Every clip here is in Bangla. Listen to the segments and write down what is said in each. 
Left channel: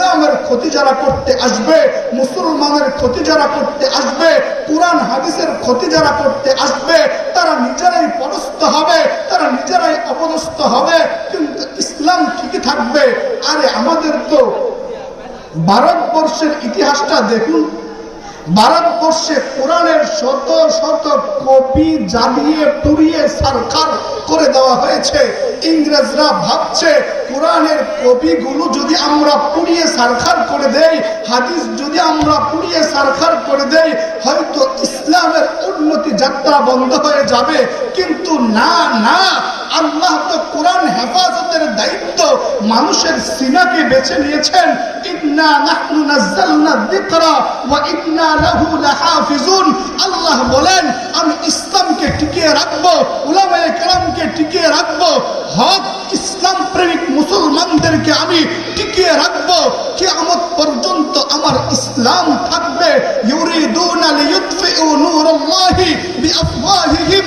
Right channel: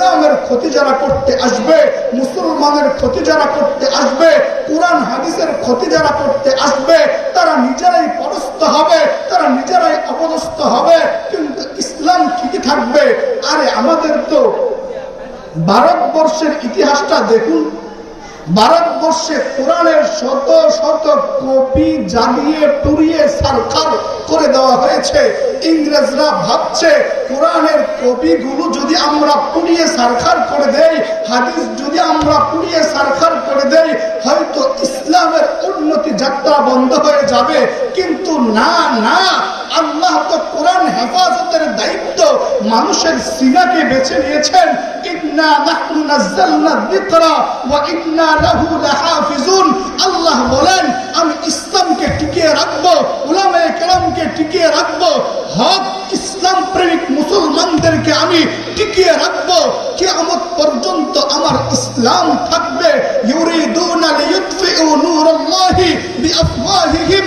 ইসলামের ক্ষতি যারা করতে আসবে, মুসলমানের ক্ষতি যারা করতে আসবে, কোরআন, হাদিসের ক্ষতি যারা করতে আসবে, তারা নিজেরাই পদস্থ হবে, তারা নিজেরাই অপদস্থ হবে, কিন্তু ইসলাম ঠিকই থাকবে। আরে আমাদের তো ভারতবর্ষের ইতিহাসটা দেখুন ভারতবর্ষে কোরআনের শত শত কপি জ্বালিয়ে, পুড়িয়ে সরকার করে দেওয়া হয়েছে। ইংরেজরা ভাবছে, কোরআনের কপিগুলো যদি আমরা পুড়িয়ে সারখার করে দেই, হাদিস যদি আমরা পুড়িয়ে সারখার করে দেই, হয়তো ইসলামের উন্নতি যাত্রা বন্ধ হয়ে যাবে। কিন্তু না না, আল্লাহ তো কোরআন হেফাজতের দায়িত্ব। মানুষের সিনাকে বেছে নিয়েছেন। ইন্না ইন্না আল্লাহ বলেন, আমি ইসলামকে টিকিয়ে রাখব, উলামায়ে কেরামকে টিকিয়ে রাখব, হক ইসলাম প্রেমিক মুসলমানদেরকে আমি টিকিয়ে রাখব। কিয়ামত পর্যন্ত আমার ইসলাম থাকবে। ইউরিদুনা লিইউতফিউ নূরাল্লাহি বিআফওয়াহিহিম।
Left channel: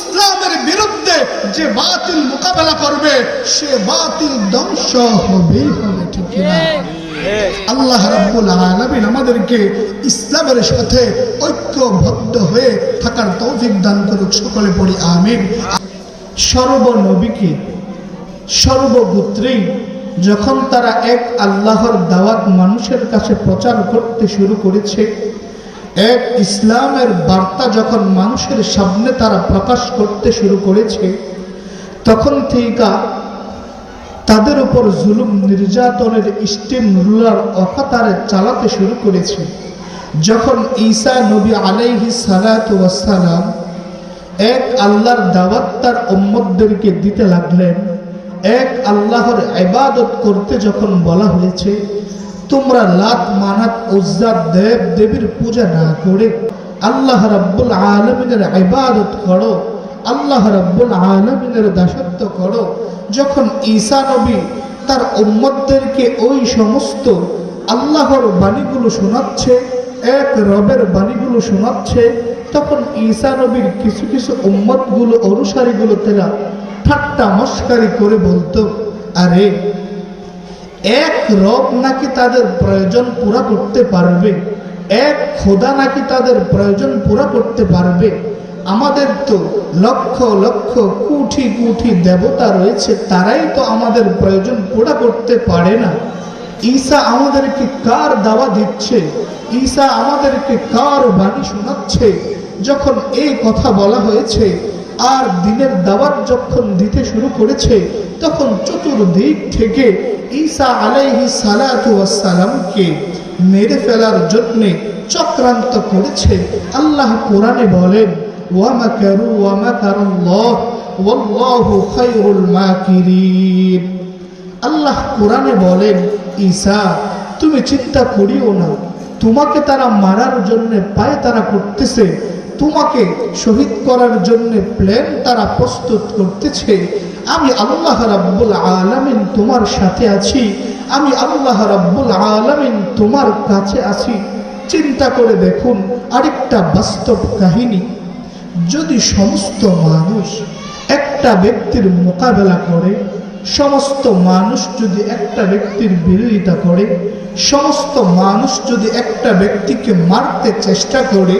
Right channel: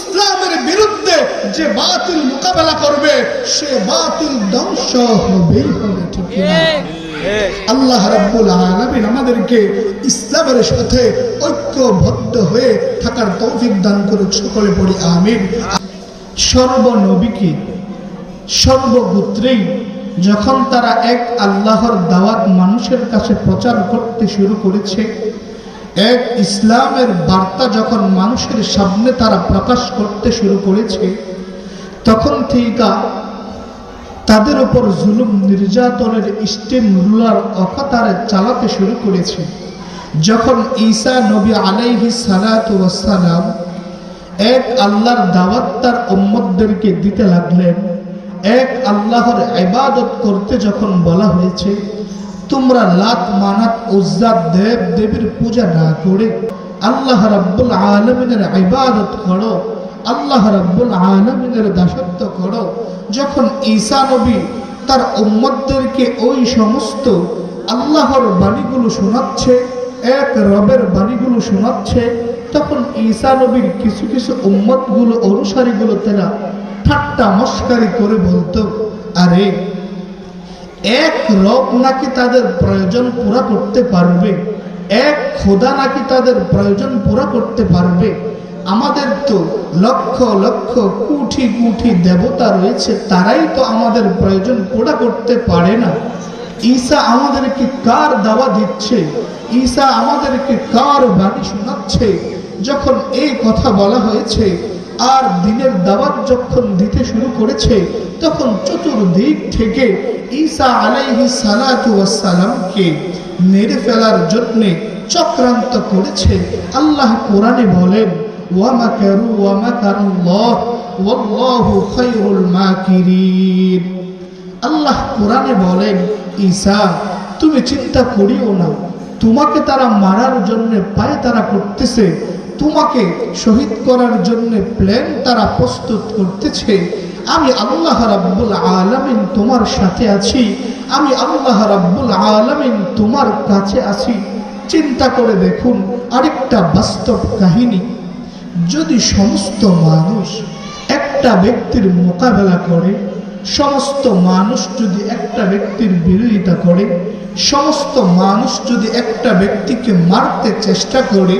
বিরুদ্ধে যে বাতিল মোকাবেলা করবে, সে বাতিল ধ্বংস হবেই হবে, ঠিক? আল্লাহ রাব্বুল আলামিন আমাদেরকে ইসলামের সাথে ঐক্যবদ্ধ হয়ে থাকার তৌফিক দান করুক, সকলে পড়ি আমিন সর্বনবীকে সর্বগোত্রেই যখন তারা এক আল্লাহর দাওয়াত মানুষের কাছে প্রচার করতে শুরু করেছে এক ইসলামের বার্তা যখন মানুষের সামনে তারা প্রকাশ করতে শুরু করেছে, তখন থেকে তাদের উপর জুলুম নির্যাতনের স্টেম রুলার অকাতারে চালাতে শুরু করেছে। যখন ঈসা নবী আলাইহি সালাম এক আল্লাহর দাওয়াত তার উম্মতদেরকে দিতে লাগলেন, এক আল্লাহর ইবাদত করতে যখন বলা হয়েছে তোমরা লাত মানাত উজ্জা দেব দেবীর পূজা না করে আল্লাহ রাব্বুল আলমিনের ইবাদত করো, আল্লাহ রাব্বুল আলমিনের দাসত্ব করো। যখন ঈসা নবী তার উম্মতদেরকে ওই সমস্ত আল্লাহর বাণীগুলো শোনাচ্ছে, এক রবের বাণীগুলো শোনাচ্ছে, তখন ঈসা নবীর কিছু কিছু উম্মতগুলো অনুসারীগুলো তারা ঠাট্টা মস্কারি করে বলতো, আরে এক রব নাকি তাদের প্রয়োজন পুরা করতে পারবে? এক খোদা নাকি তাদের প্রয়োজন পুরা করতে পারবে? আমাদের তো লক্ষ লক্ষ কুঠি কুঠি দেবতা রয়েছে, তারাই তো আমাদের প্রয়োজন পুরা করতে পারে না। ঈসা আমাদেরকে কার দাওয়া দিচ্ছে? ঈসা আমাদেরকে কার বাণী শোনাচ্ছে? যখন এই কথা বলা হয়েছে, আর দিনের দাওয়াত যখন দিতে শুরু করেছে তখন চতুর্দিক থেকে ঈসা আলাইহি সালামকে মেরে ফেলার জন্য চক্রান্ত করেছে। আল্লাহ কোরআনে বলেন ওয়ামাকারু ওয়ামাকারুল্লাহ ওয়াল্লাহু খায়রুল আল্লাহ কোরআনে বলেন, ঈসা, তুমি চিন্তা করিও না। তোমাকে তারা মারার জন্য পায়ে তারা করতেছে। তোমাকে শহীদ করার জন্য প্ল্যান তারা প্রস্তুত করতেছে। আমি আল্লাহ রাব্বুল আলামিন তোমার সাথে আছি। আমি আল্লাহ রাব্বুল আলামিন তোমার কাছে আছি। চিন্তা করে দেখুন আরেকটা বাস্তব কাহিনী। যদি সমস্ত মানুষ একটা ব্যক্তির মোকাবেলা করে, সমস্ত মানুষ যদি একটা ব্যক্তির বিরোধিতা করে, সমস্ত মানুষ যদি একটা ব্যক্তিকে মারতে চেষ্টা করে,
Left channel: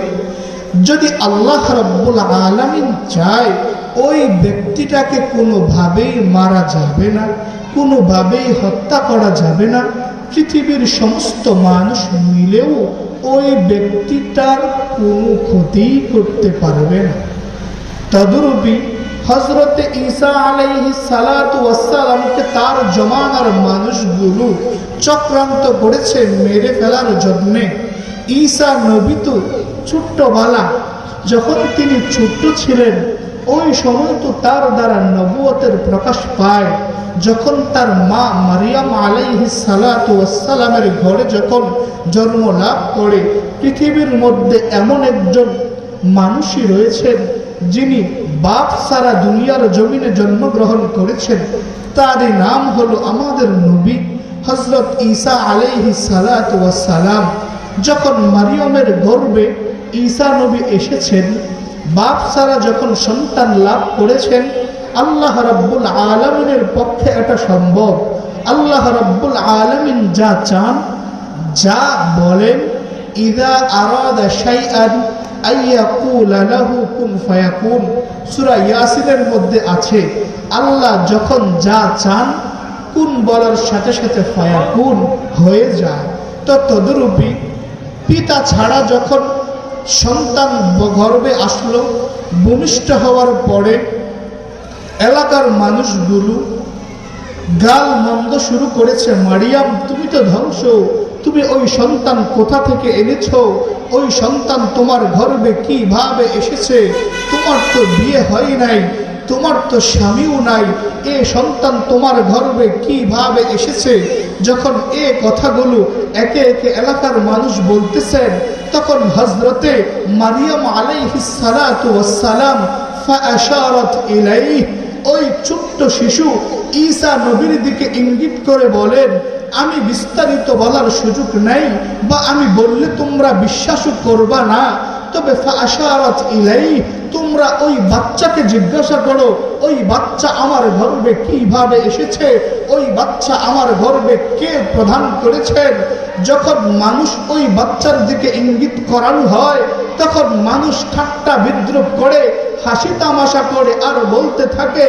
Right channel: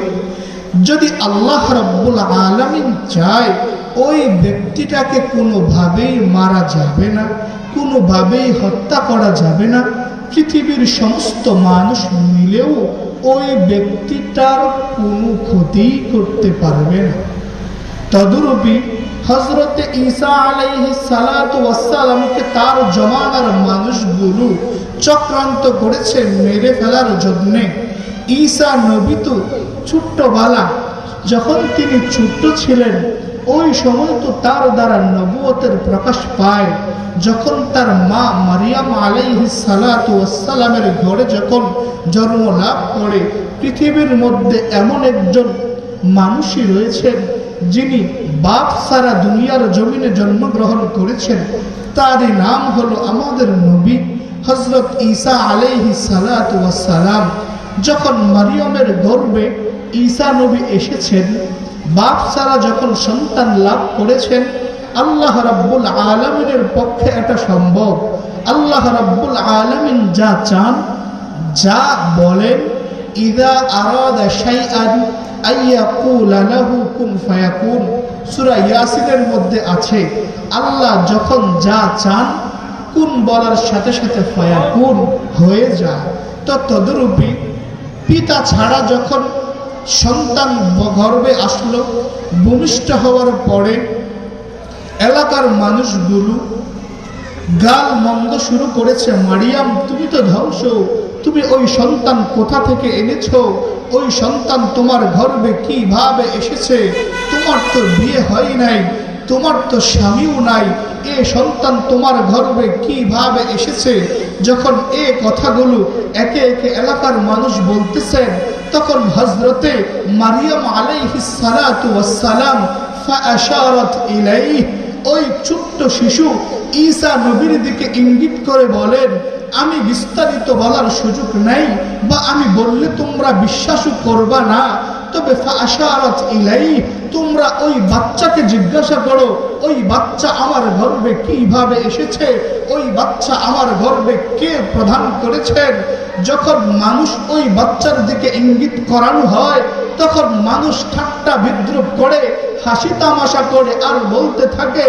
যদি আল্লাহ রব্বুল আলমিন চায় ওই ব্যক্তিটাকে কোনোভাবেই মারা যাবে না, কোনোভাবেই হত্যা করা যাবে না। পৃথিবীর সমস্ত মানুষ মিলেও ওই ব্যক্তিটার কোনো ক্ষতি করতে পারবে না। তদরূপী হজরত ঈসা আলাইহি সালাতামকে তার জমানার মানুষগুলো চক্রান্ত করেছে মেরে ফেলার জন্যে। ঈসা নবী তো ছোট্টবালা যখন তিনি ছোট্ট ছিলেন ওই সময় তো তার দ্বারা নবুয়তের প্রকাশ পায়, যখন তার মা মারিয়াম আলাইহি সালামের ঘরে যখন জন্ম লাভ করে, পৃথিবীর মধ্যে এমন একজন মানুষই রয়েছেন, যিনি বাপ সারা দুনিয়ার জমিনে জন্মগ্রহণ করেছেন। তারই নাম হলো আমাদের নবী হজরত ঈসা আলাইহি সালাম যখন মারিয়মের গর্বে ঈসা নবী এসেছেন বাপ সারা যখন সন্তান লাভ করেছেন, আল্লাহ রব্বুল আলমিনের পক্ষে এটা সম্ভব। আল্লাহ রব্বুল আলমিন যা চান, যা বলেন, ইদা আরাদা শাইআন আইয়াকুলা লাহু কুন ফায়াকুন। সূরা ইয়াসিনের মধ্যে আছে, আল্লাহ যখন যা চান, কুন বলার সাথে সাথে ফায়াকুন হয়ে যায়। তো তদরূপী পিতা ছাড়া যখন সন্তান গর্বে আসলো, ভূমিষ্ঠ হওয়ার পরে এলাকার মানুষগুলো গাল মন্দ শুরু করেছে, মারিয়াম, তুমি তো ধ্বংস, তুমি ওই সন্তান কোথা থেকে এনেছ? ওই সন্তান তোমার গর্বে কীভাবে এসেছে? তোমার তো বিয়ে হয় নাই, তোমার তো স্বামীও নাই, এ সন্তান তোমার গর্বে কীভাবে এসেছে? যখন এ কথাগুলো একে একে এলাকার মানুষ বলতেছেন তখন হজরতে মারিয়াম আলাইহিসালাম ফাশারাত ইলাইহি, ওই ছোট্ট শিশু ঈসা নবীর দিকে ইঙ্গিত করে বলেন, আমি বিস্তারিত বলার সুযোগ নাই বা আমি বললে তোমরা বিশ্বাসও করবা না। তবে ইলাই তোমরা ওই বাচ্চাকে জিজ্ঞাসা করো, ওই বাচ্চা আমার গর্বে কীভাবে এসেছে? ওই বাচ্চা আমার গর্বে কে প্রদান করেছেন যখন মানুষ ওই বাচ্চার দিকে ইঙ্গিত করানো হয়, তখন মানুষ ঠাট্টা বিদ্রুপ করে, হাসি তামাশা করে আর বলতে থাকে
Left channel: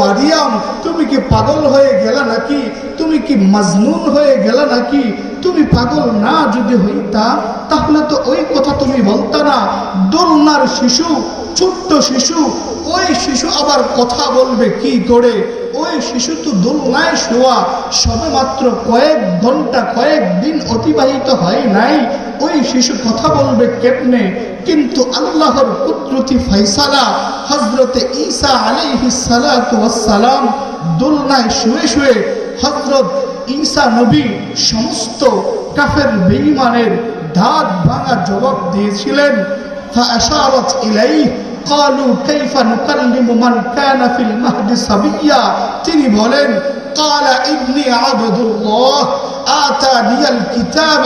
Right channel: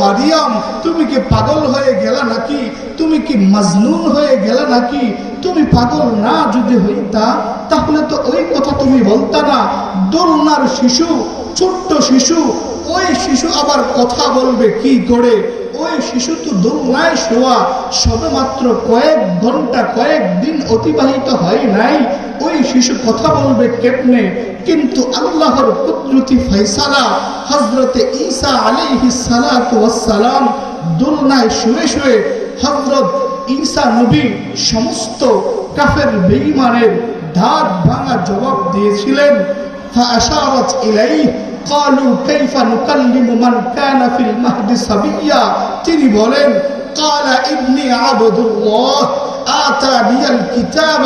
মারিয়াম, তুমি কি পাগল হয়ে গেলা নাকি? তুমি কি মাজনুন হয়ে গেলা নাকি? তুমি পাগল না যদি হইতা, তাহলে তো ওই কথা তুমি বলতা না। দোলনার শিশু, ছোট্ট শিশু, ওই শিশু আবার কথা বলবে কি করে? ওই শিশু তো দোলনায় শোয়া সবে মাত্র কয়েক ঘণ্টা, কয়েক দিন অতিবাহিত হয় নাই। ওই শিশু কথা বলবে কেমনে? কিন্তু আল্লাহর কুদরতি ফয়সালা হজরতে ঈসা আলাইহি সালাম দোলনায় শুয়ে শুয়ে হজরত ঈসা নবী সমস্ত কাফের বেঈমানের দাঁত ভাঙা জবাব দিয়েছিলেন فأشارت إليه قالوا كيف نكلم من كان في المهد صبيا তিনি বলেন قال إني عبد الله آتاني الكتاب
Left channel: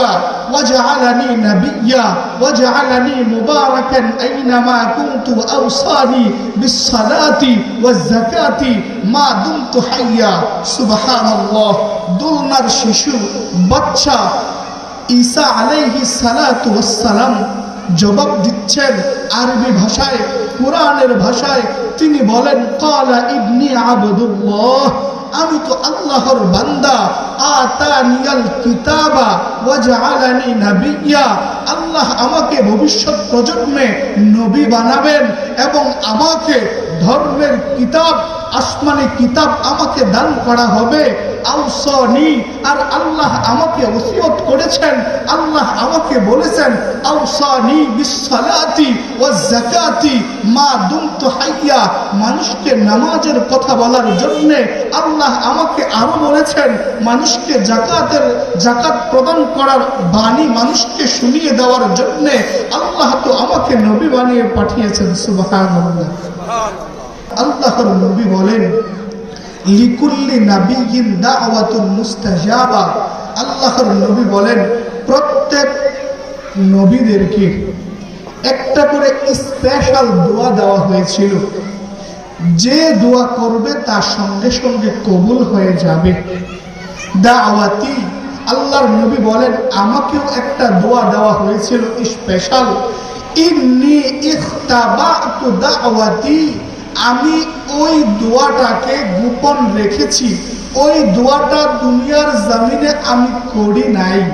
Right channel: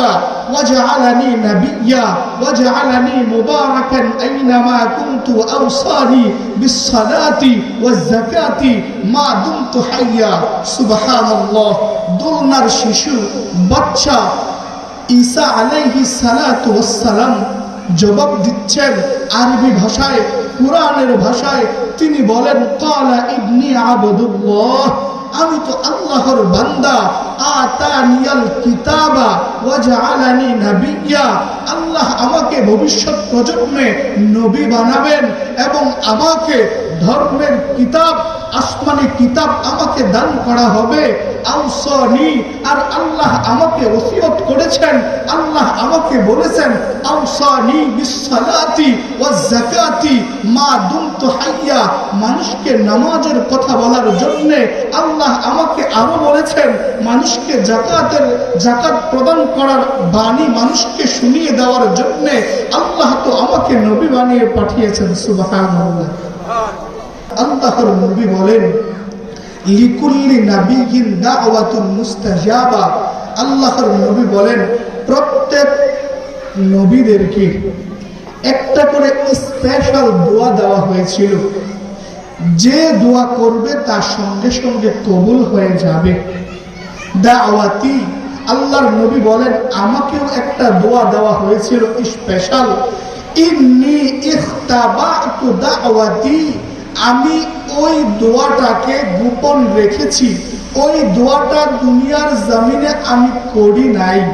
وجعلني نبيا وجعلني مباركا أينما كنت وأوصاني بالصلاة والزكاة ما دمت حيا سبحان الله দোলনার শিশু বাচ্চা ঈসা আলাইহি সালাতু ওয়াসসালাম জবাব দিচ্ছেন আরবি ভাষায় কোরআনের ভাষায় তিনি বলেন কালা ইবনি আবদুল্লাহ আমি তো আল্লাহর বান্দা। আতানিয়াল কিতাবা ওয়াজআলানি নাবিয়্যা আল্লাহ আমাকে ভবিষ্যৎ প্রজন্মে নবী বানাবেন এবং আমাকে ধর্মের কিতাব আসমানি কিতাব আমাকে দান করা হবে। আউসনি, আর আল্লাহ আমাকে ওসিয়ত করেছেন। আল্লাহ আমাকে বলেছেন, আউসানি বিসসালাতি ওয়াজ যাকাতি মা দুমতু হাইয়া। মানুষকে নামাজের কথা বলার জন্য আল্লাহ আমাকে আরও বলেছেন, মানুষকে জাকাতের জাকাত প্রদান করার বাণী মানুষকে শুনিয়ে দেওয়ার জন্য আল্লাহ তো আমাকে নবী বানিয়ে পাঠিয়েছেন, সুবহানাল্লাহ। আল্লাহর নবী বলেন, লিকুল্লি নাবিয়িন দাওয়াতুন মুস্তাজাবা। আল্লাহর নবী বলেন, প্রত্যেক নবীদেরকে একটা করে স্পেশাল দোয়া দেওয়া হয়েছিল। যে দোয়া করবে তার সঙ্গে সঙ্গে কবুল হয়ে যাবে। দাওয়াতি। আল্লাহর নবী বলেন, আমাকেও একটা দোয়া দেওয়া হয়েছিল স্পেশাল ইন্নি ইখতাবাতু দাওয়াতি। আমি ওই দোয়াটাকে গোপন রেখেছি। ওই দোয়াটা দুনিয়ার জমিনে আমি করি নাই।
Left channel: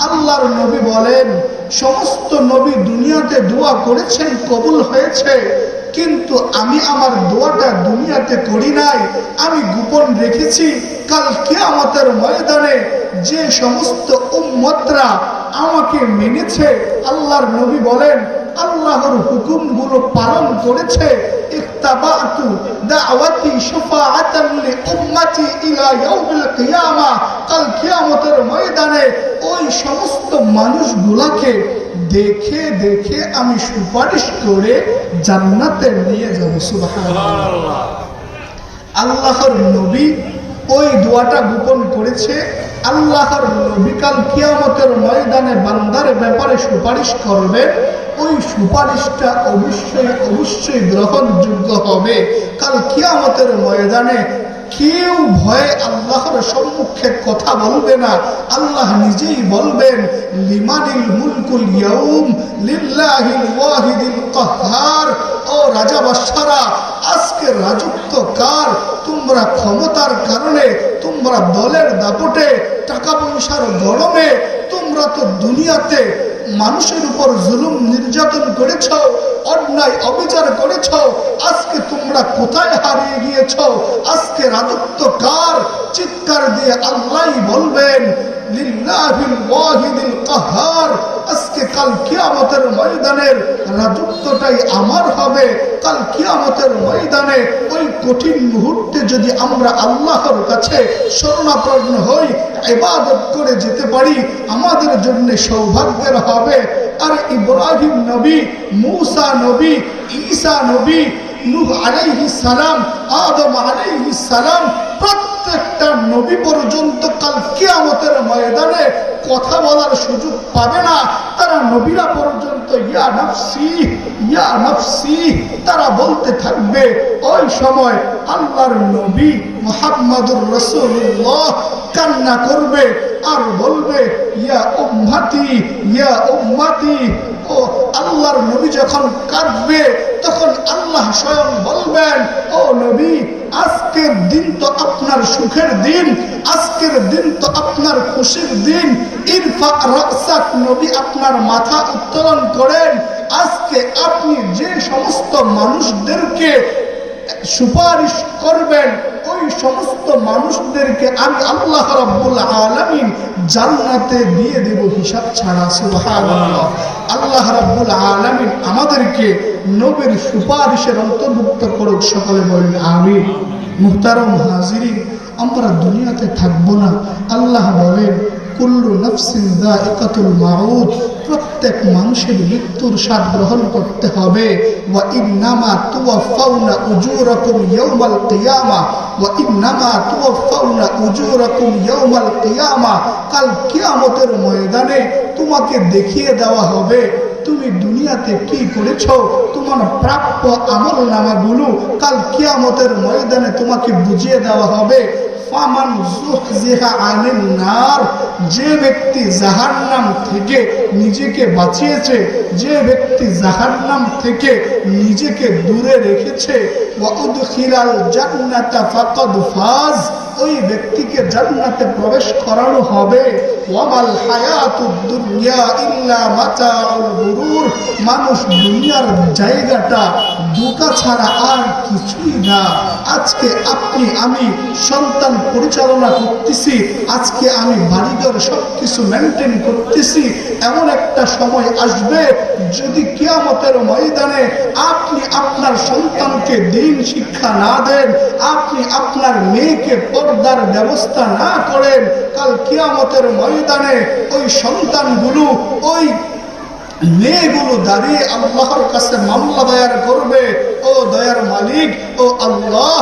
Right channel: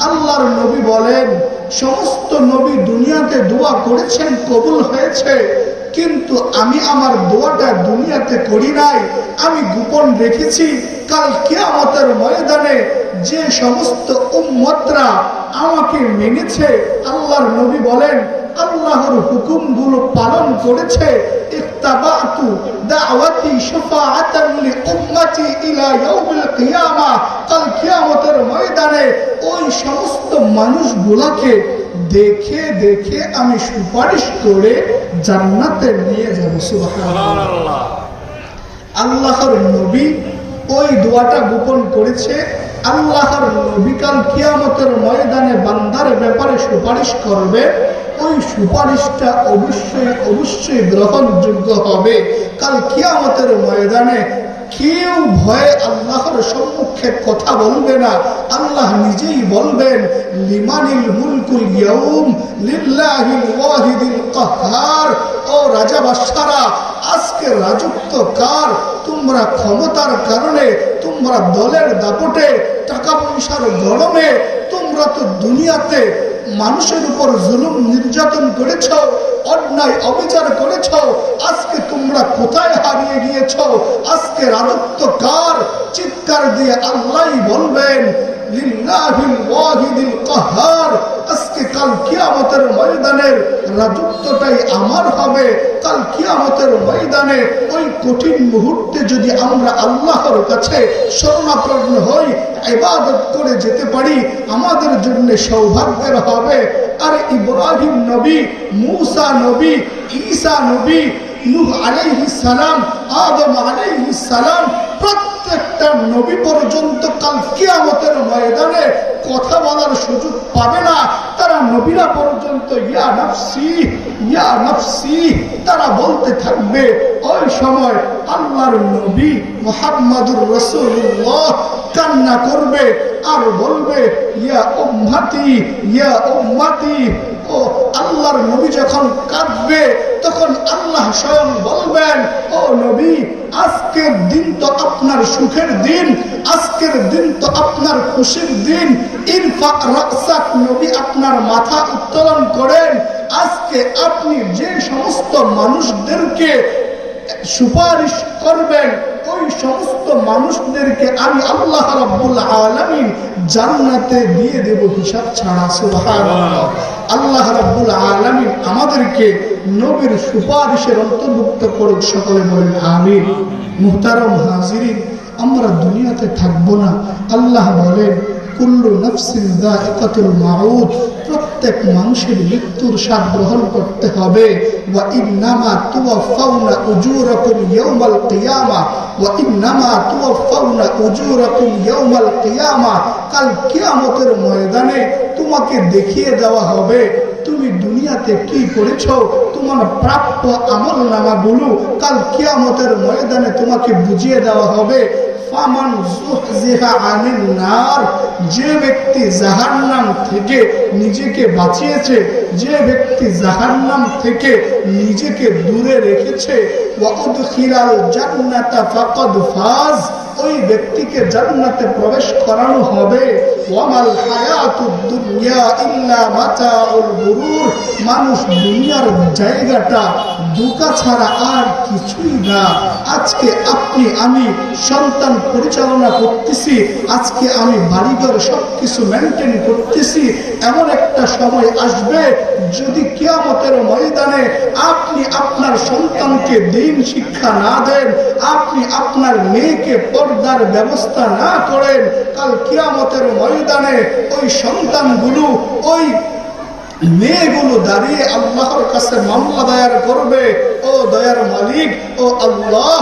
আল্লাহর নবী বলেন, সমস্ত নবী দুনিয়াতে দোয়া করেছেন, কবুল হয়েছে। কিন্তু আমি আমার দোয়াটা দুনিয়াতে করি নাই। আমি গোপন রেখেছি, কাল কিয়ামতের ময়দানে যে সমস্ত উম্মতরা আমাকে মেনেছে, আল্লাহর নবী বলেন, আল্লাহর হুকুমগুলো পালন করেছে ওই সমস্ত দেখে দেখে আমি সুপারিশ করে জান্নাতে নিয়ে যাব আল্লাহর নবী ওই দোয়াটা গোপন করেছে আল্লাহর বিকাল কাল কিয়ামতের ময়দানে বান্দার ব্যাপারে সুপারিশ করবে, ওই সুপারিশটা অবশ্যই অবশ্যই গ্রহণযোগ্য হবে। কাল কিয়ামতের ময়দানে কেউ ভয়ে আল্লাহর সম্মুখে কথা বলবে না। আল্লাহ নিজেই বলবেন, লিমানিল মুলকুল ইয়াউম লিল্লাহিল ওয়াহিদিল কাহ্হার ও রাজা বাদশারা, আজকে রাজত্ব কার? তোমরা ক্ষমতার কারণে, তোমরা দলের দাপটে, টাকা পয়সার গরমে, তোমরা তো দুনিয়াতে মানুষের উপর জুলুম নির্যাতন করেছ, অন্যায় অবিচার করেছ, আজকে তোমরা কোথায় হারিয়ে গিয়েছ? আজকে রাজত্ব কার? চিৎকার দিয়ে আল্লাহ বলবেন কাহার। আজকে কাল কিয়ামতের ময়দানের রাজত্বটাই আমার হবে। কাল কিয়ামতের ময়দানে ওই কঠিন মুহূর্তে যদি আমরা আল্লাহর কাছে শরণাপন্ন হই, ইবাদত করে যেতে পারি, আমাদের জন্য সৌভাগ্যের হবে। আর ইব্রাহিম নবী, মূসা নবী, ঈসা নবী, নূহ আলাইহিস সালাম, আদম আলাইহিস সালাম প্রত্যেকটা নবী পর্যন্ত কাল কিয়ামতের ময়দানে কথা বলার সুযোগ পাবে না। তারা নবীরা পর্যন্ত, ইয়া নফসি ইয়া নফসি। তারা বলতে থাকবে, ওই সময় আল্লাহর নবী মোহাম্মদুর রসুল্লাহ কান্না করবে আর বলবে, ইয়া উম্মাতি ইয়া উম্মাতি। ও আল্লাহর নবী যখন কাঁদবে, তখন আল্লাহ স্বয়ং বলবেন, ও নবী আজকের দিন তো আপনার সুখের দিন, আজকের দিন তো আপনার খুশির দিন। নবী আপনার মাথা উত্তোলন করেন, আজকে আপনি যে সমস্ত মানুষদেরকে সুপারিশ করবেন ওই সমস্ত মানুষদেরকে আমি আল্লাহ রাব্বুল আলামিন জান্নাতে দিয়ে দেব হিসাব ছাড়া, সুবহানাল্লাহ। আল্লাহ রাব্বুল আলামিন আমাদেরকে নবীর সুপারিশের অন্তর্ভুক্ত করুক, সকলে বলেন আমিন। মুহতারাম হাজিরিন, আমরা দুনিয়াতে থাকব না। আল্লাহ বলেন, কুল্লু নফসিন দাইকাতুল মাউত প্রত্যেক মানুষের মৃত্যুর স্বাদ গ্রহণ করতে হবে। কাল কিয়ামতের ময়দানে তোমাকে দেখিয়ে দেওয়া হবে। তুমি দুনিয়াতে কি করেছ? তোমার প্রাপ্য আমল নামাগুলো কাল কিয়ামতের ময়দানে তোমাকে বুঝিয়ে দেওয়া হবে যে ব্যক্তি জাহান্নাম থেকে নিজেকে বাঁচিয়েছে, যে ব্যক্তি জাহান্নাম থেকে নিজেকে দূরে রেখেছে জান্নাতা ফাকাদ ফাজ ওই ব্যক্তিকে জান্নাতে প্রবেশ করানো হবে। মানুষ দুনিয়ার জায়গাটা দুকা ছাড়া আর কিছুই না। আজকে আপনি, আমি সন্তান পরিচালনা করতেছি। আজকে আমি বাড়িঘর সব কিছু মেনটেন করতেছি। এমন একটা সময় আসবে যদি কিয়ামতের ময়দানে আপনি আপনার সন্তানকে দিন শিক্ষা না দেন, আপনি আপনার মেয়েকে পর্দার ব্যবস্থা না করেন, কাল কিয়ামতের ময়দানে ওই সন্তানগুলো, ওই মেয়েগুলো দাঁড়িয়ে আল্লাহর কাছে মামলা দায়ার করবে। ও দয়ার মালিক, ও আল্লাহ,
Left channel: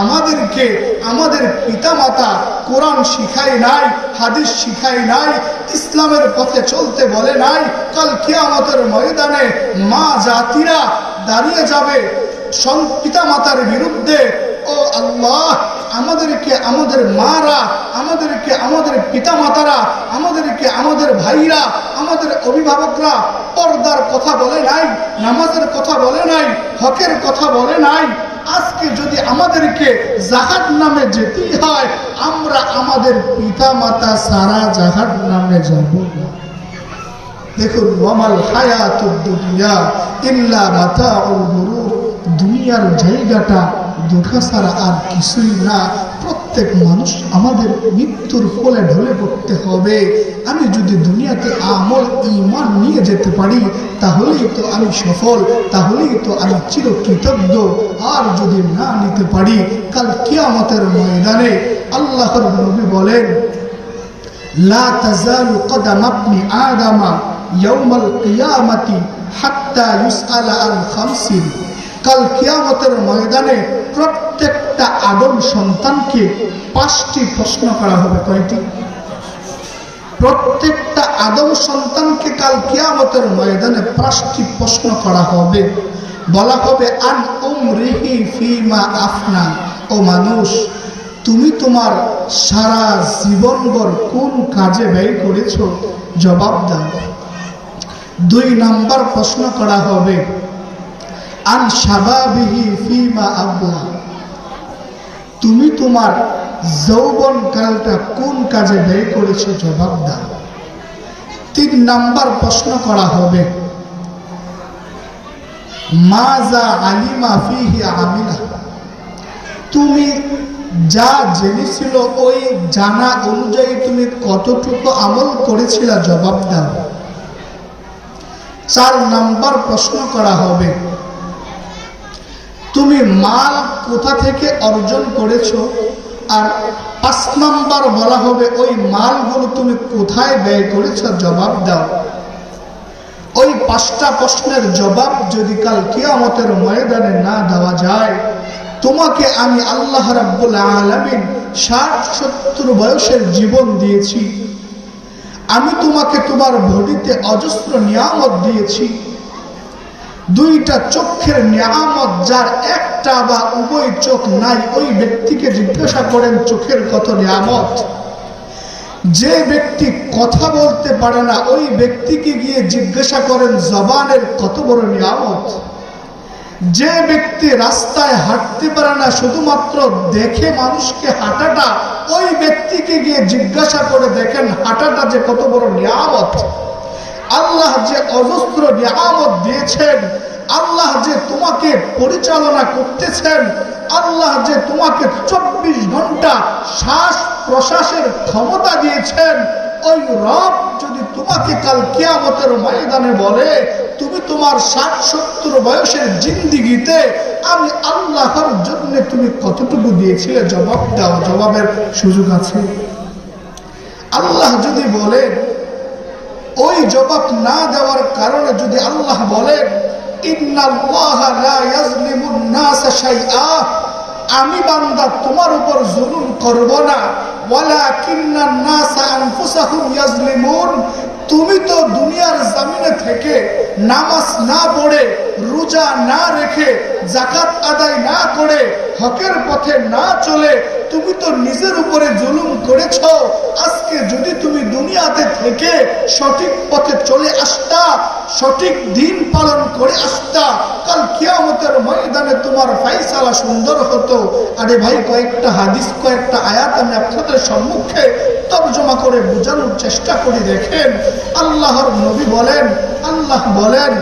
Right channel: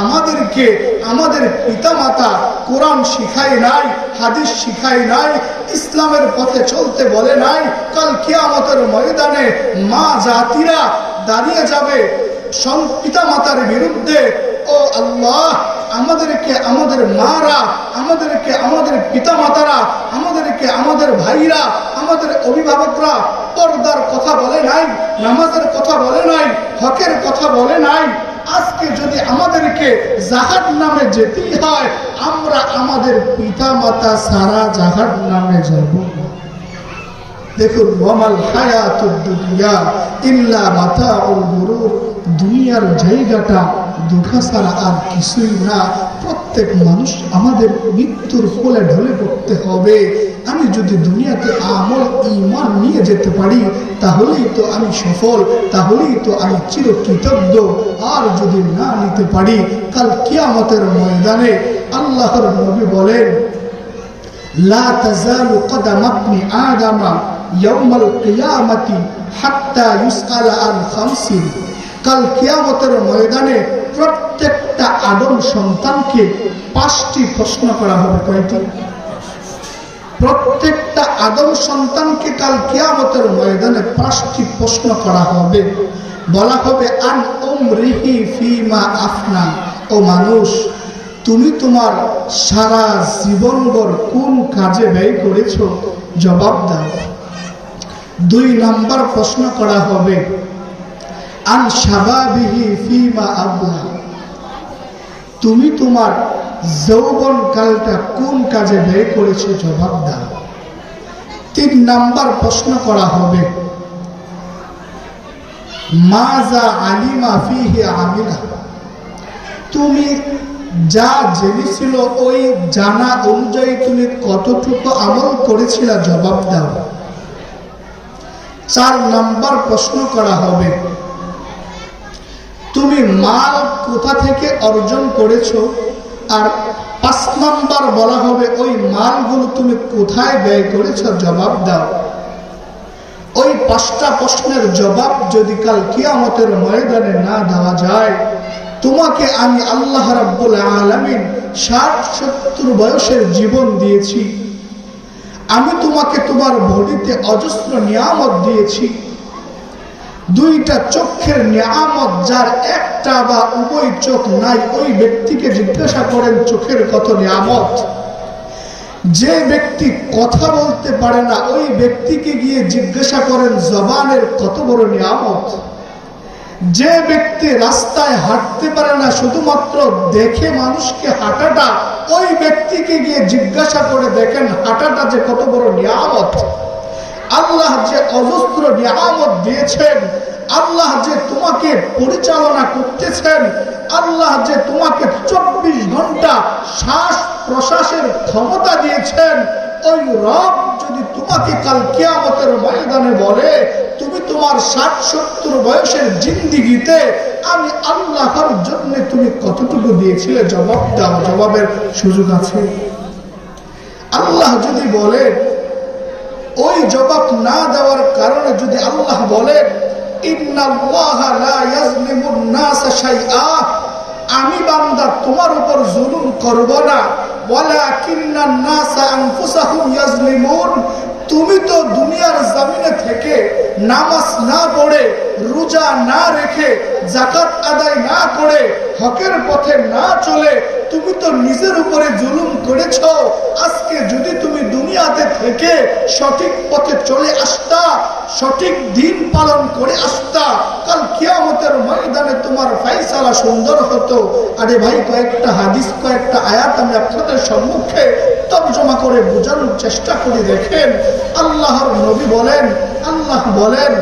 আমাদেরকে, আমাদের পিতামাতা কোরআন শিখায় নাই, হাদিস শিখায় নাই, ইসলামের পথে চলতে বলে নাই, কাল কিয়ামতের ময়দানে মা জাতিরা দাঁড়িয়ে যাবে পিতা মাতার বিরুদ্ধে। ও আল্লাহ আমাদেরকে আমাদের মারা, আমাদেরকে আমাদের পিতা মাতারা আমাদেরকে আমাদের ভাইরা, আমাদের অভিভাবকরা পর্দার কথা বলে নাই, নামাজের কথা বলে নাই, হকের কথা বলে নাই। আজকে যদি আমাদেরকে জাহাদ নামে যেতেই হয়, আমরা আমাদের পিতা মাতা সারা জাহাদ নামে যাব। দেখুন, ওয়ামাল হায়াতুদ দুনিয়া ইল্লা গুরুর, দুনিয়ার জায়গাটা দুর্গা ছাড়া আর কিছুই না। প্রত্যেক মানুষ আমাদের মৃত্যুর কোলে ঢলে পড়তে হবে। আমি যদি দুনিয়াতে আমল ইমান নিয়ে যেতে পারি, তাহলেই তো আমি সফল, তাহলেই তো আমি চির কৃতজ্ঞ আর যদি না নিতে পারি, কাল কিয়ামতের ময়দানে আল্লাহর নবী বলেন, লা তাজালু কদামাবনি আদামা ইয়াউমাল কিয়ামাতি হাত্তা ইউসআলা আন খামসিন। কাল কিয়ামতের ময়দানে প্রত্যেকটা আদম সন্তানকে পাঁচটি প্রশ্ন করা হবে, কয়টি? প্রত্যেকটা আদম সন্তানকে কাল কিয়ামতের ময়দানে পাঁচটি প্রশ্ন করা হবে। বলা হবে, আন উমরিহি ফিমা আফনা, ও মানুষ, তুমি তোমার সারা জীবনভর কোন কাজে ব্যয় করেছ? জবাব দাও। দুই নম্বর প্রশ্ন করা হবে আন সাবাবিহি ফিমা তুমি তোমার যৌবন কালটা কোন কাজে ব্যয় করেছ জবাব দাও। তিন নাম্বার প্রশ্ন করা হবে মাজা আলিমা ফিহি আমিলা? তুমি যা জেনেছিল ওই জানা অনুযায়ী তুমি কতটুকু আমল করেছিলা জবাব দাও। চার নাম্বার প্রশ্ন করা হবে তুমি মাল কোথা থেকে অর্জন করেছ? আর পাঁচ নাম্বার বলা হবে, ওই মালগুলো তুমি কোথায় ব্যয় করেছ? জবাব দাও। ওই পাঁচটা প্রশ্নের জবাব যদি কাল কিয়ামতের ময়দানে না দেওয়া যায়, তোমাকে আমি আল্লাহ রাব্বুল আলমিন ষাট সত্তর বয়সের জীবন দিয়েছি। আমি তোমাকে তোমার বডিতে অজস্র নিয়ামত দিয়েছি। দুইটা চোখের নিয়ামত যার একটা বা উভয় চোখ নাই, ওই ব্যক্তিকে জিজ্ঞাসা করেন, চোখের কত নিয়ামত? যে ব্যক্তি কথা বলতে পারে না, ওই ব্যক্তিকে গিয়ে জিজ্ঞাসা করেন, জবানের কত বড় নিয়ামত? যে ব্যক্তি রাস্তায় হাঁটতে পারে না, শুধুমাত্র দেখে মানুষকে হাঁটাটা, ওই ব্যক্তিকে গিয়ে জিজ্ঞাসা করে দেখেন, হাঁটাটা যে কত বড় নিয়ামত? আল্লাহ যে অজস্র নিয়ামত দিয়েছেন, আল্লাহ যে তোমাকে পরিচালনা করতেছেন, আল্লাহ যে তোমাকে চব্বিশ ঘণ্টা শ্বাস প্রশ্বাসের ক্ষমতা দিয়েছেন, ওই রব যদি তোমাকে কাল কিয়ামতের ময়দানে বলে, তুমি তোমার ষাট সত্তর বয়সের জিন্দিগিতে আমি আল্লাহর জন্য তুমি কতটুকু দিয়েছিলে? জবাব দাও, জবাবের সুযোগ আছে। আল্লাহ যদি বলেন ওই জবাব না দেওয়ার কারণে যদি আল্লাহ বলেন আমি বান্দা তোমার উপর জুলুম করব না। তুমি তো দুনিয়ার জামিনে থেকে নামাজ না পড়ে, রোজা না রেখে জাকাত আদায় না করে, হকের পথে না চলে, তুমি তো নিজের উপরে জুলুম করেছ। আজকে যদি তুমি দুনিয়াতে থেকে সঠিক পথে চলে আসতা, সঠিক দিন পালন করে আসতা, কাল কিয়ামতের ময়দানে তোমার ফাইসালা সুন্দর হতো। আরে ভাই, কয়েকটা হাদিস, কয়েকটা আয়াত আমি আপনাদের সম্মুখে তর্জমা করে বোঝানোর চেষ্টা করে দেখেন। আল্লাহর নবী বলেন আল্লাহ বলেন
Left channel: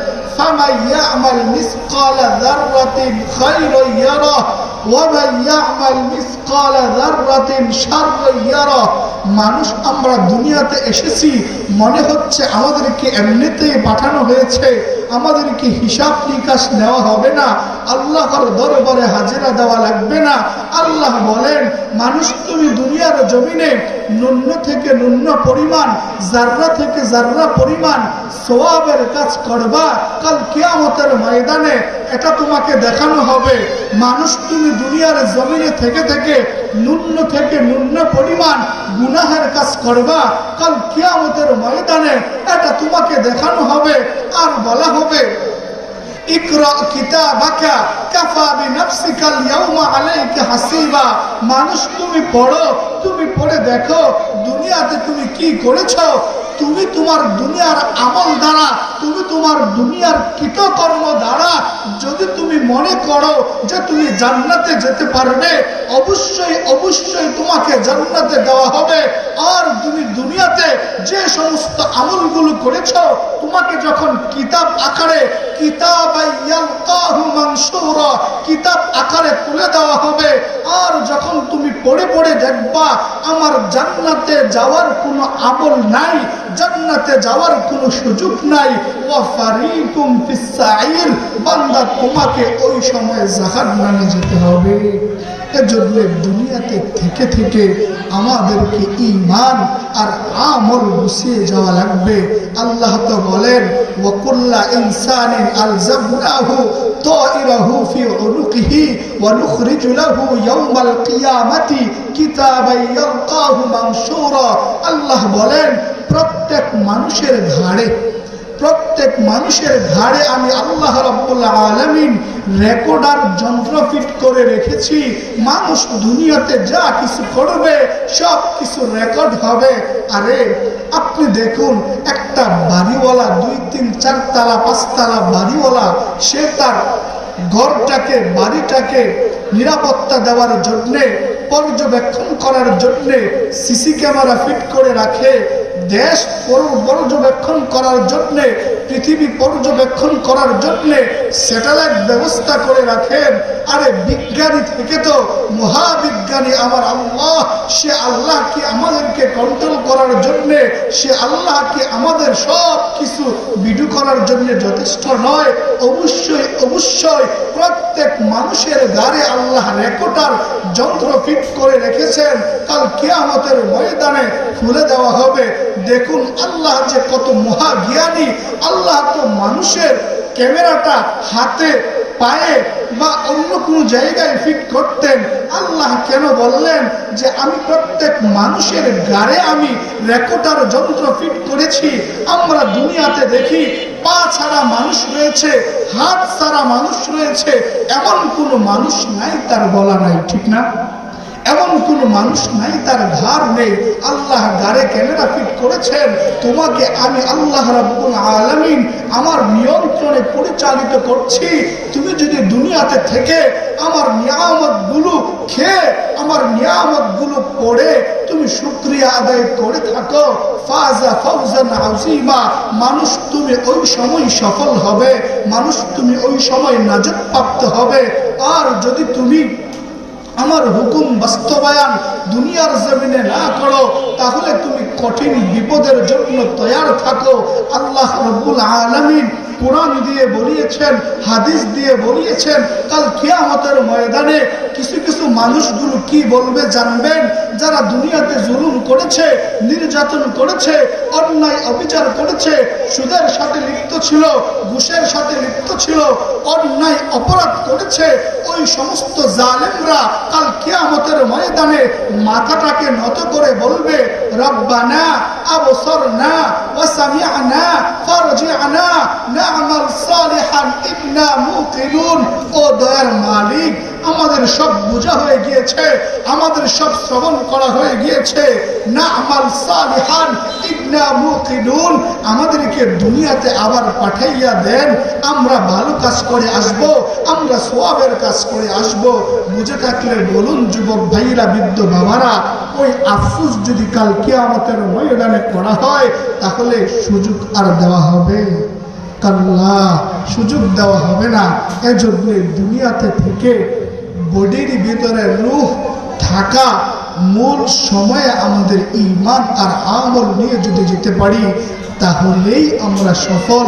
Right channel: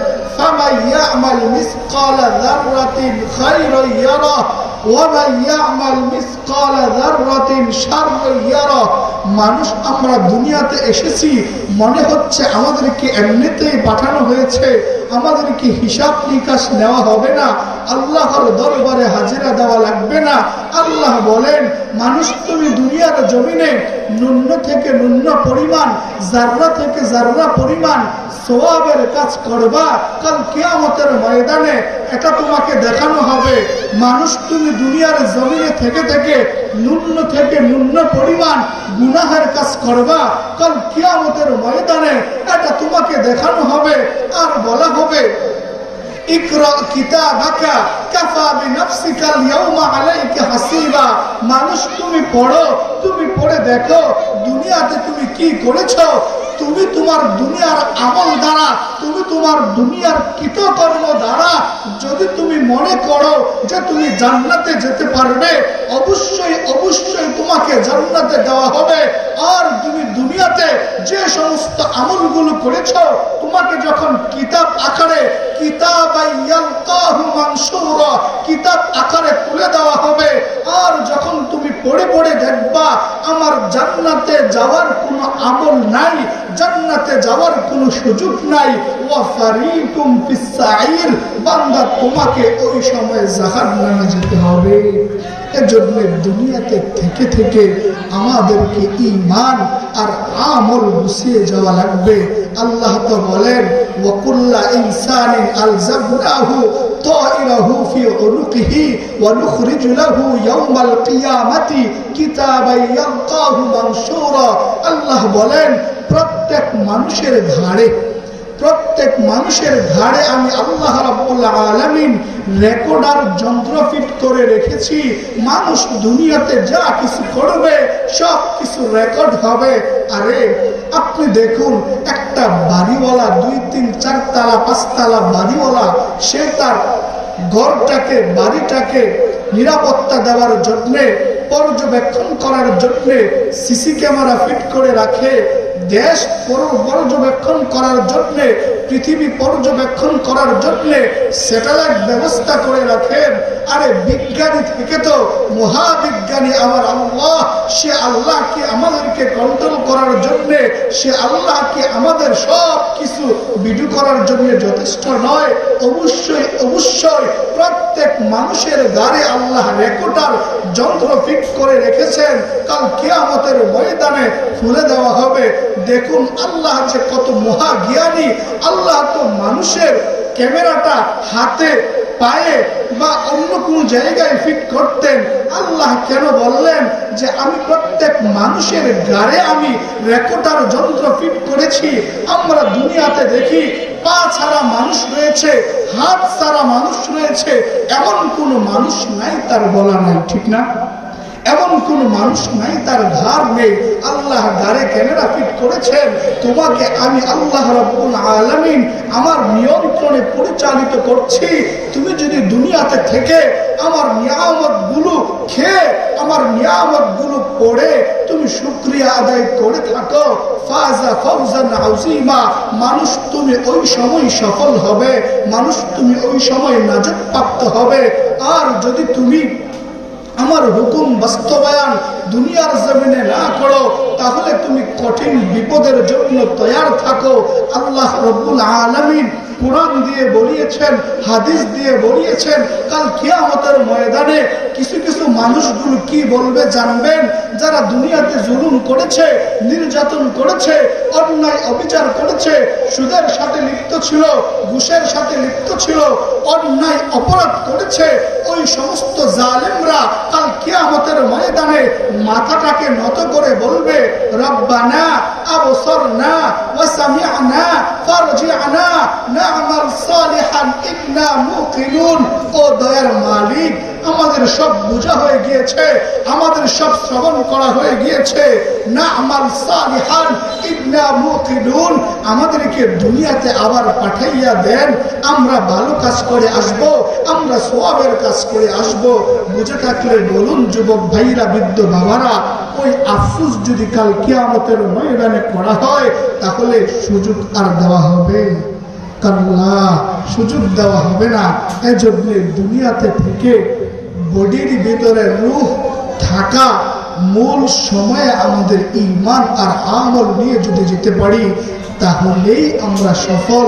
মানুষ, আমরা দুনিয়াতে এসেছি, মনে হচ্ছে আমাদেরকে এমনিতেই পাঠানো হয়েছে, আমাদেরকে হিসাব নিকাশ নেওয়া হবে না, আল্লাহর দরবারে হাজিরা দেওয়া লাগবে না। আল্লাহ বলেন, মানুষ, তুমি দুনিয়ার জমিনে নূন্য থেকে নূন্য পরিমাণ জাররা থেকে জাররা পরিমাণ সোয়াবের কাজ করবা, কাল কেয়ামতের ময়দানে এটা তোমাকে দেখানো হবে। মানুষ, তুমি দুনিয়ার জমিনে থেকে থেকে ন্যূন থেকে ন্যূন পরিমাণ গুনাহের কাজ করবা। কাল কিয়ামতের ময়দানে এটা তোমাকে দেখানো হবে আর বলা হবে মানুষ তুমি পড়ো, তুমি পড়ে দেখো দুনিয়াতে তুমি কি করেছ তুমি তোমার দুনিয়ার আমল দ্বারা, তুমি তোমার দুনিয়ার কৃতকর্ম দ্বারা যদি তুমি মনে করো যে তুমি জান্নাতে যেতে পারবে, অবশ্যই অবশ্যই তোমাকে জান্নাতে দেওয়া হবে। আর তুমি দুনিয়াতে যে সমস্ত আমলগুলো করেছ, তোমাকে যখন কিতাব আকারে, কিতাব কিতাব আকারে তুলে দেওয়া হবে, আর যখন তুমি পড়ে পড়ে দেখবা, আমার জান্নাতে যাওয়ার কোনো আমল নাই জান্নাতে যাওয়ার কোনো সুযোগ নাই। ওয়াফারিকুম ফিস-সাইর, বান্দা তোমাকে ওই সময় জাহান্নামে যেতে হবে। এজন্য দুনিয়াতে থেকে থেকে আমাদেরকে ইমান আর আমল গুছিয়ে যাওয়া লাগবে। আল্লাহ তো বলেন ইনসানিন আলজামনাহু তাইরাহু ফি উনুকিহি ওয়া নুখরিজু লাহু ইয়াওমাল কিয়ামাতি কিতাবান ইয়ালকাহু মানশুরা। আল্লাহ বলেন প্রত্যেক মানুষের ঘাড়ে, প্রত্যেক মানুষের ঘাড়ে আমি আল্লাহ রাব্বুল আলামিন রেকর্ডার যন্ত্র ফিট করে রেখেছি। মানুষ দুনিয়াতে যা কিছু করবে, সব কিছু রেকর্ড হবে। আরে, আপনি দেখুন, একটা বাড়িওয়ালা, দুই তিন চারতলা পাঁচতলা বাড়িওয়ালা, সে তার ঘরটাকে, বাড়িটাকে নিরাপত্তা দেওয়ার জন্যে পর্যবেক্ষণ করার জন্যে সিসি ক্যামেরা ফিট করে রাখে। দেশ পর্যবেক্ষণ করার জন্যে, পৃথিবী পর্যবেক্ষণ করার জন্যে স্যাটেলাইট ব্যবস্থা করে রাখেন। আরে বিজ্ঞানী থেকে তো মহাবিজ্ঞানী আমার আল্লাহ। সে আল্লাহকে আমাদেরকে কন্ট্রোল করার জন্যে, সে আল্লাহকে আমাদের সব কিছু বিডু করার জন্য যথেষ্ট নয়। অবশ্যই অবশ্যই প্রত্যেক মানুষের গাড়ে আল্লাহ রেকর্ডার যন্ত্র ফিট করে রেখেছেন, কাল কিয়ামতের ময়দানে খুলে দেওয়া হবে। দেখুন আল্লাহ যে কত মহাজ্ঞানী, আল্লাহ তো মানুষের ক্যামেরাটা হাতে, পায়ে বা অন্য কোন জায়গায় ফিট করতেন। আল্লাহ কেন বললেন যে আমি প্রত্যেক মানুষের গাড়ে আমি রেকর্ডার যন্ত্র ফিট করেছি? আমরা দুনিয়াতে দেখি পা ছাড়া মানুষ রয়েছে, হাত ছাড়া মানুষ রয়েছে, এমন কোনো মানুষ নাই তার গলা নাই, ঠিক না? এমন কোন মানুষ নাই, তার ঘর নেই। আল্লাহ গাড়ে ক্যামেরা ফিট করেছেন? তোমাকে আমি আল্লাহ রাব্বুল আলামিন আমার নিয়ন্ত্রণে পরিচালিত করছি। তুমি যদি দুনিয়াতে থেকে আমার নিয়ামতগুলো খেয়ে, আমার নিয়ামতগুলো পড়ে, তুমি শুক্রিয়া আদায় করে থাকো। ফাজা ফৌজান আউজিমা মানুষ তুমি ওই সময় সফল হবে। মানুষ তুমি ওই সময় নাজত প্রাপ্ত হবে। আর যদি তুমি আমার হুকুম বাস্তবায়ন দুনিয়ার জমিনে না করো, তাহলে তুমি কঠিন বিপদের জন্য তৈয়ার থাকো। আল্লাহ রব্বুল আলমিন কোরআন দিয়ে বলিয়েছেন, হাদিস দিয়ে বলিয়েছেন, কাল কিয়ামতের ময়দানে কিছু কিছু মানুষগুলো কি বলবে জানবেন? যারা দুনিয়াতে জুলুম করেছে, নির্যাতন করেছে, অন্যায় অবিচার করেছে, সুদের সাথে লিপ্ত ছিল, ঘুষের সাথে লিপ্ত ছিল, অন্যায় অপরাধ করেছে, ওই সমস্ত জালেমরা কাল কিয়ামতের ময়দানে মাথাটাকে নত করে বলবে, রব্বানা, আবসরনা ওয়াসামিআনা ফারজিআনা না'মাল সালিহান, ইন্না মুকিনুন ও দয়ার মালিক, আমাদের সব বোঝা হয়ে গিয়েছে, আমাদের সব শ্রবণ করা হয়ে গিয়েছে। না আমাল সালিহান, ইন্না মুকিনুন আমাদেরকে দুনিয়াতে আবার পাঠাইয়া দেন, আমরা ভালো কাজ করে আসব, আমরা সোয়াবের কাজ করে আসব। বুঝে থাকলে বলুন, যুবক ভাইরা, বৃদ্ধ বাবারা, ওই আফসুস যদি কাল কিয়ামতের ময়দানে করা হয়, তাহলে সুযোগ আর দেওয়া হবে। কাল্লা সুযোগ দেওয়া হবে না। এজন্য দুনিয়াতে থেকে বডির ভিতরে রুহ থাকা মূল সময়ে আমাদের ইমান আর আমল নিয়ে যদি যেতে পারি, তাহলেই আমরা সফল।